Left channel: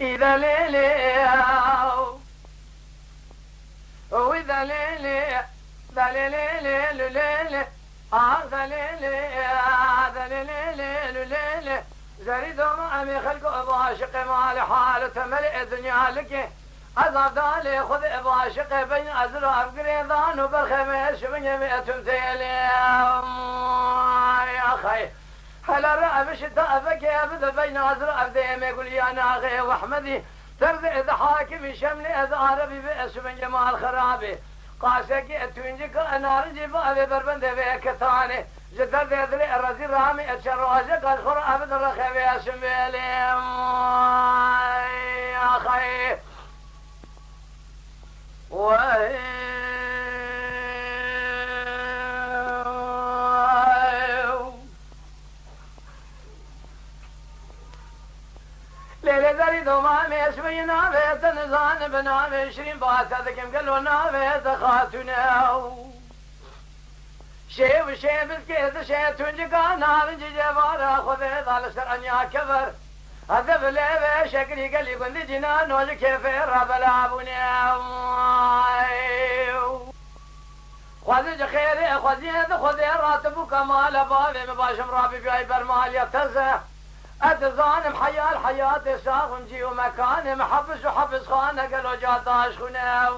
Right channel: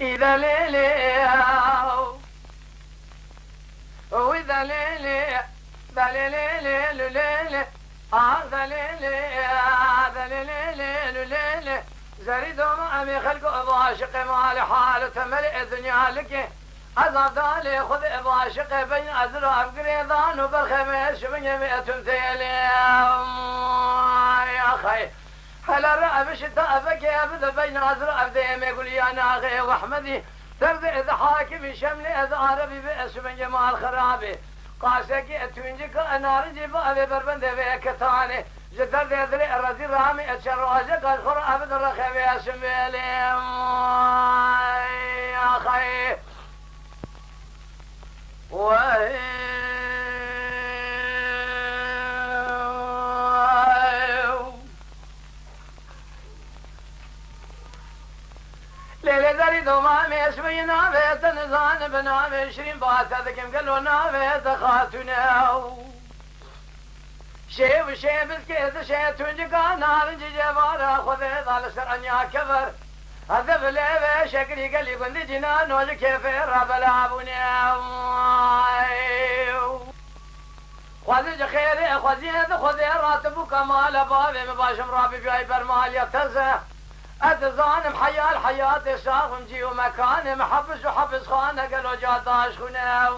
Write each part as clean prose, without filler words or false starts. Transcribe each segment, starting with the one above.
إذا ليلي وإذا ليلي ذليلي ليلي ذليلي زريد أمي خلق أبو عاشق مال حال تملئ الدنيا لك أزاد لي خذ أبو عاشق بين أزرع قريضان وبالخميس من يمئة تيلي يا خي هلا رأى بشتاء فكيف بين أزرع ديم يقول يا ناغي وأحمدي ترضي إذا حاكم شملي إذا عربي بأس من جمال خرابي قاسكي أتوينجك أنا رجي بأذي بربند فيك ثاني زدر ذي الرزي رامي أتشر وعزك الخر أبد الرخي يا سميلي يا خي ليلة ذري دومامي اسمينا بيت نزان بنامي شرين باسدكم قالوا نامي خاتنا شيء وشيء بسكيت شيء تنجقا نار جيبارا خذي بالسرنيا كبر هذا بلي شكلي قال لي بندي جنان وجه كيف رابلابوني خذي خيري خذي راتبك مال بابي مباشم رابي جاي برمال يتزه أتظالم حياة الحياة ساغم جي ومكان محبس وحبس خانة قالوا جاداش خونه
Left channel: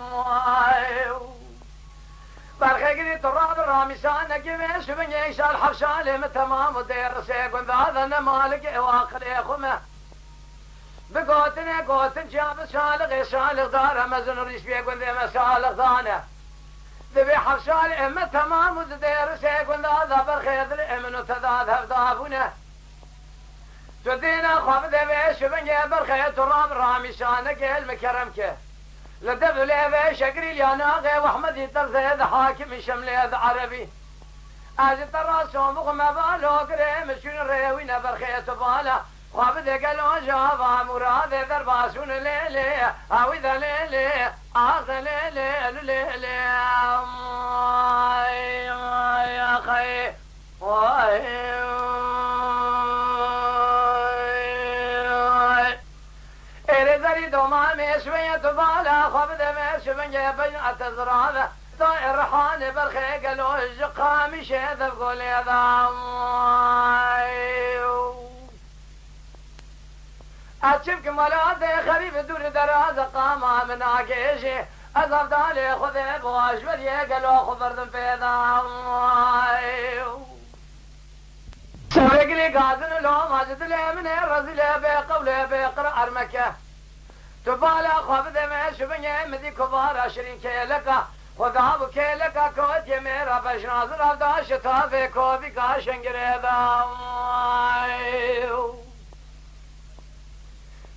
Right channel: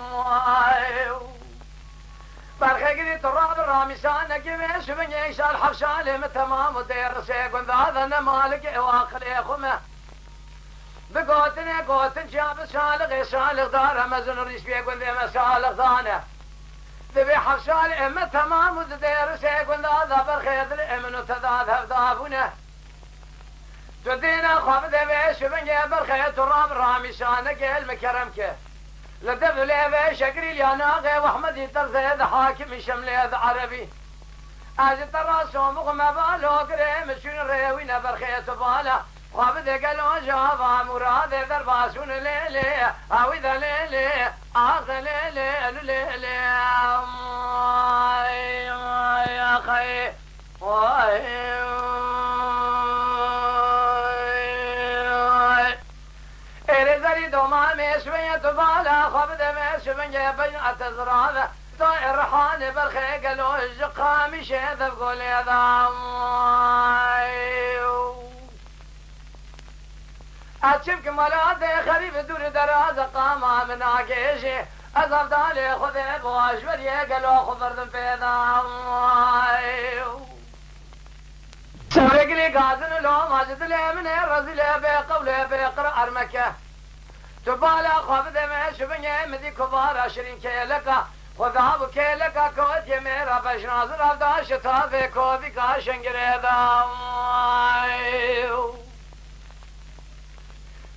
برخيقلي تراب الرامسانة جميس من يسال حفصالي تمام ودير سيقون هذا مالك واقلي خمه بقوتني قوتن شاب سالق سالق دار مزن ريس بيقول لي مسالق دانه ذبي حفصالي اما تمام ودير سيقون هذا برخيقلي من تداد هردافونه تدينا خافض بيش من جبل خيط الراب رامي شانك المكرمك لدب لي بيش اقري يا ناقي واحمد يترزيد حاكم شمليد عربي اجت الراسوم وغمبالو قري مسير ريوي نبر خيط بالا خافض قالوا جابا مراد درباسون ليلي او اذا ليلي ليلي ليلي يا خي دومامي سوية بالا خبد ميس من جبين أتزراد طائر حاني برخي قالوا الزقامي شيذ بقول يضام أتشبك ملادي خريف دور دراز قاما من عكيشي أصفدالي خذي بواش بري قالوا خبرد في ضام سرقري قادر لهم عجد لي من الرزل بقولي بقرأ أرمكه تبالا خافض ميش بني مدي كبار عشرين كيلكا خذاب كيلكا كوتي ميرا بشناز رفضا شتاذي كوبي كاشن قريبا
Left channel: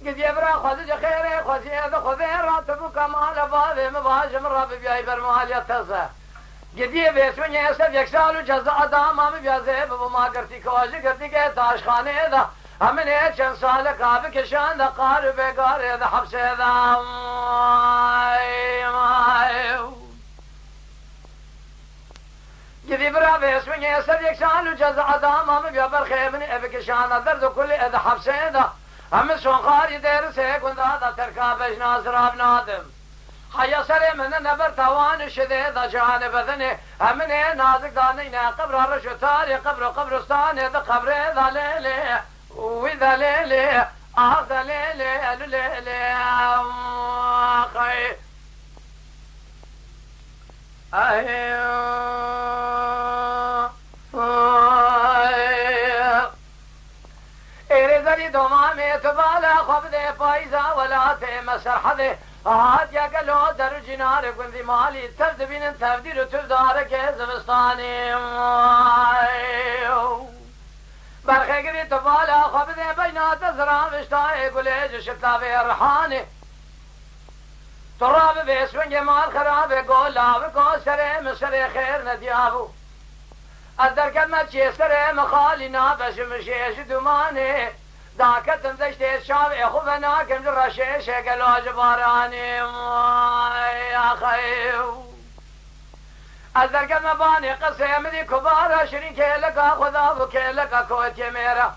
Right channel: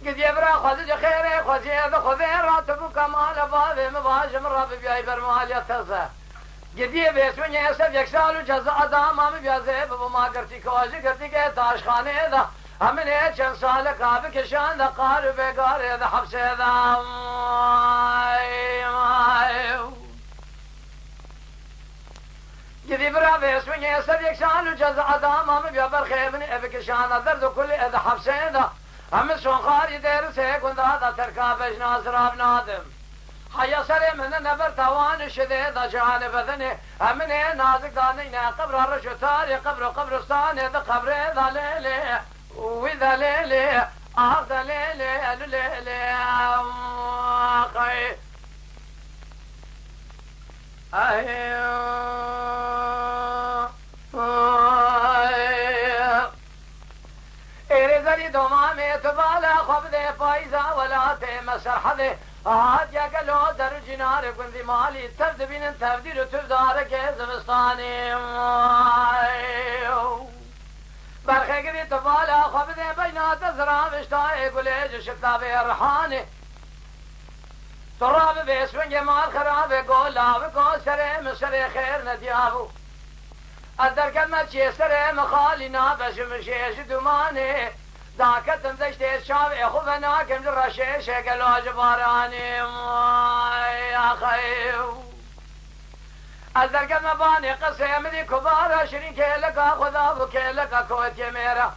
قد يبرا خذ خيري خذيب خذي راتبو كمال باذي مباشم ربي بيهي برمال يتزا قد يبس بني يسر يكسالو جزا داما بيازيب وما قرتي كواشي قرتي كيتاش خاني ذا همن چند سال قابل کشان دا قار بگاره دا حبسه دا گری برا بیسمن یه سب یک سال جزا ادام هم بیا برخیبنی اب کشان درد کلی دا حبسه دا همه سونخاری دیر سه گنده دا ترکا بجنا سراب نادم حیا سر من نبر توان شده دا جان بدنی همن نازک دانی نه قبر رشتاری قبرستان دا قبر دا لیلی وإذا ليلي ليلي ليلي خي إرزالي دومامي تبالا خبدي فايزة ولا تيمسر حدي هاد يا قلو در جنار قندي مالي تردبين تبديل تردارك زمستاني برخيقري تبالا خبدي بينات زرام اشتاي قليج شتابي الرحاني تراب باسم جمال خرابي قول لابكو سري مصري خير نديابو أدر كلمة شي سري مخالي نابش مشيش دماني داكت انزشتي شابي خبنا كم جرشيش قلو جباراني يا خيو ازرق مباني قصي مني كبار شريك لك خذا وكيلك كوتي ميرا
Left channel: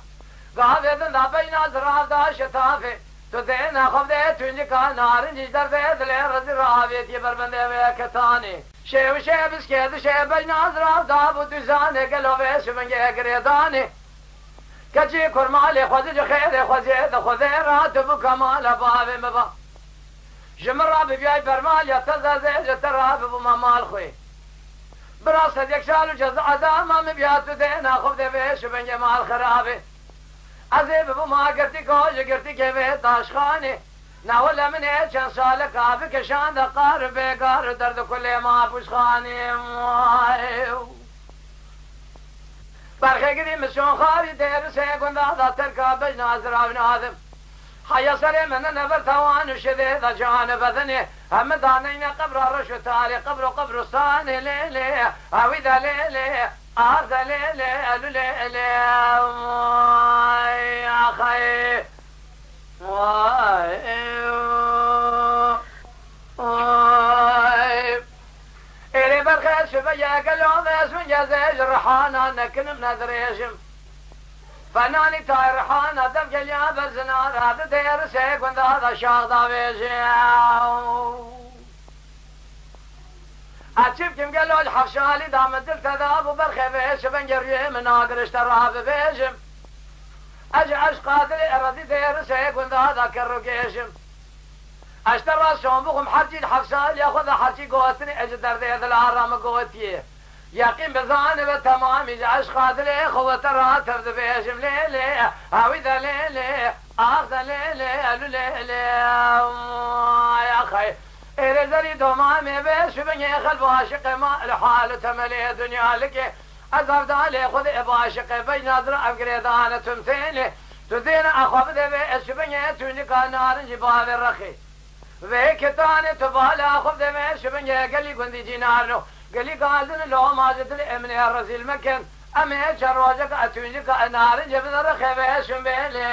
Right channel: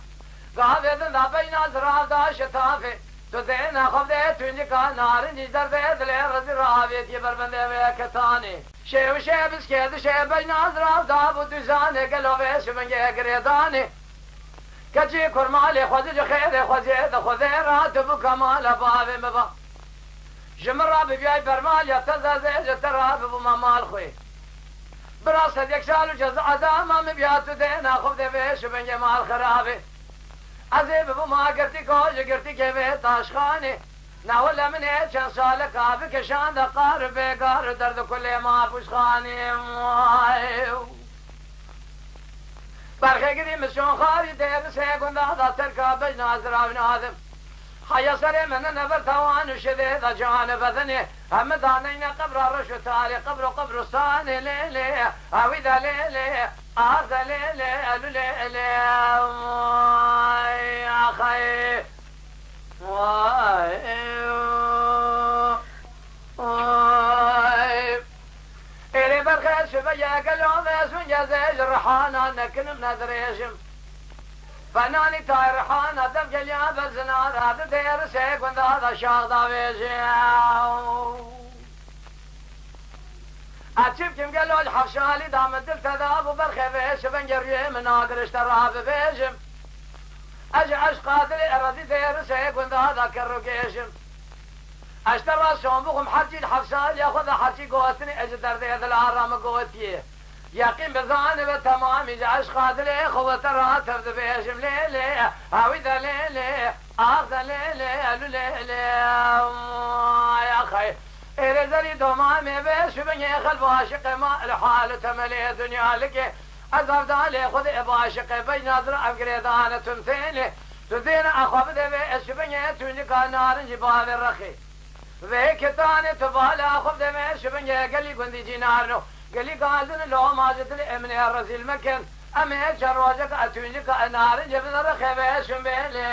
قاعد ذا بين زراب دا شتافي تدينا خذيت عندك نار جدر ذات لرز رابيتي بربندي كتاني شيء وشيء بسكيت شيء بين زراب دا بتزاني قلبي من جريداني كجي كرمالي خذ خير خذ راتب كمال باب مبا جمرة بجاي برمال يتزازج تراب بما مال خوي براس يكشال جزاء دام مبيات دينا خذ بيش من جمال خرابي عزيب بما قرتي كوج قرتي كيف تاشخاني ناولا من ايشان سالك عابك شان دقار بيقار درد كل ما فشخاني برخي قديم سون خاري دير سيكون هذا تركا بجنا زراب ناظم حيا سري من نبر توان شديد جان بدني هم دانين قبر رشتاري قبرستاني ليلي اويدا ليلي هذا ليلي ليلي يا خي إلي برخي سبيا قلوب اسم جزيج رحانا نكن نذريشم فناني تاير حانا دم قليا بالزنار هذا دير سيكون هذا شاق داويشي أتشبكم قالوا الحفشالي دام الدل تذاب وبرخي بيش بنجري من ناقر اشترى بيشم أجعش قاتل أرضي دير سيكون هذا كالرقيشم اشترى صنبوخ حرتي الحفشالي ياخذ حرتي قوتني اجدر ديد العرام قوتي يقين بظان بتمام جعش قاتل خوة راتر بيشم ليلي هاويدا ليلي آخذ ليلي ليلي يا خي إرزالي دومامي بيش بني خلف عاشق ما الحال تملي دنيا لك أزهر دالي خذ باشق بين نظر أقريدان تنثيني تدين أخوف دي بيش بني تونيكا نار جبال الرخي ويكتاني تبالا أخوف دي بيش بني قلي قندي جنارنو قلي قازن لو ما زدل امني الرزيل مكان أمي شروجك أتونيكا نار جبال الرخي بيش بني